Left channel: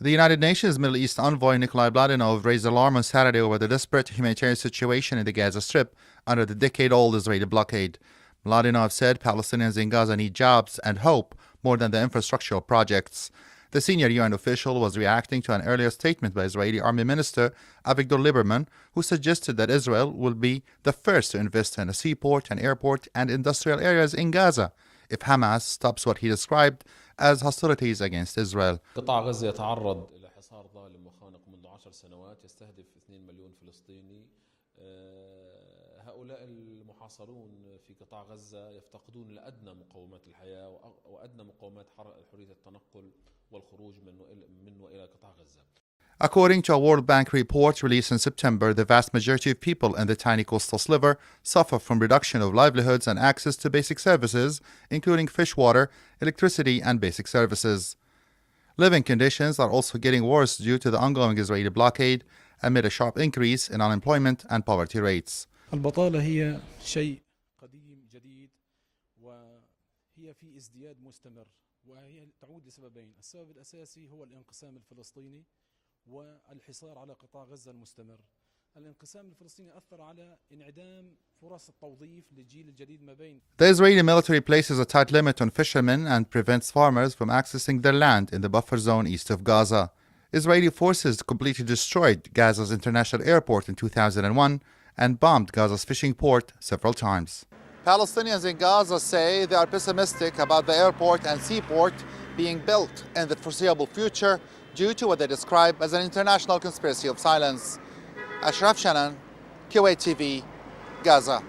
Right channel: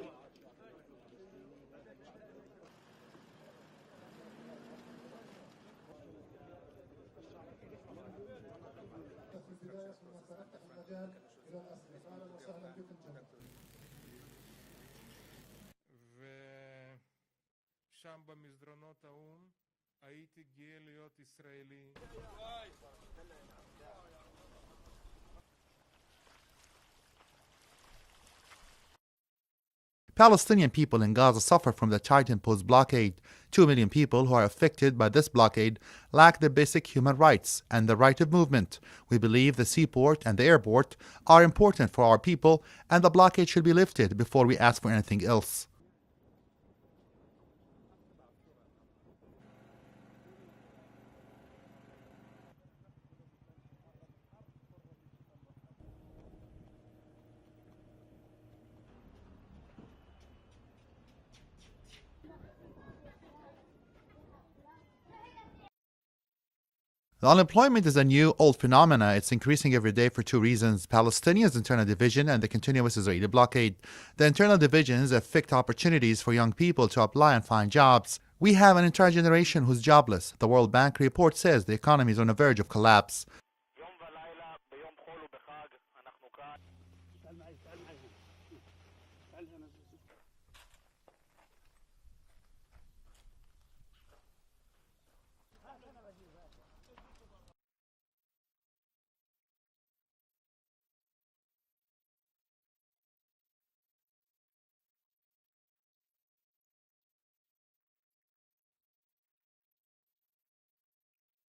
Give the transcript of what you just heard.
The United Nations Middle East envoy Nikolai Mladinov raised alarm on Saturday over the desperate humanitarian situation in the Gaza Strip under the decade-old Israeli blockade. Mladinov said Palestinians in Gaza need jobs and hope more than the infrastructural projects. The senior UN official was reacting to an earlier statement by Israeli Army Minister Avigdor Lieberman, who suggested that Israel will be the first to invest in a seaport, an airport, and industrial areas in Gaza if Hamas stops what he described as hostilities against Israel. Palestinian people in Gaza suffer from the tight-imposed blockade. 2 million people who are affected by this blockade lack the basic human rights and the right of movement. We believe the seaport and the airport are important for our people, and the blockade should be lifted before we ask for anything else. According to a World Bank report released in September, the vast majority of people in the tiny coastal sliver suffer from reduction of livelihoods and access to basic services, including fish water, electricity, and basic services. Living conditions are also getting worse due to the ongoing Israeli blockade, amid a sharp increase in unemployment and poverty rates. The unemployment is a new, old phenomena. It's increasing every day for two reasons: Palestinians' internal division and the continuous Israeli blockade. The internal divisions affect opportunities for young people to apply and find jobs. We have an entire generation who's jobless. The World Bank report says the economy is on the verge of collapse. The Israeli military places a tight limit on fishermen and prevents farmers from accessing their land in the buffer zone east of Gaza. Israeli forces completely destroyed Gaza's international airport in 2001 and bombed Gaza's fishing port several times. Palestinians in Gaza say they are pessimistic about the airport and seaport being built in the foreseeable future due to what they describe as an international conspiracy of silence. Ashraf, Kuwait TV, Gaza.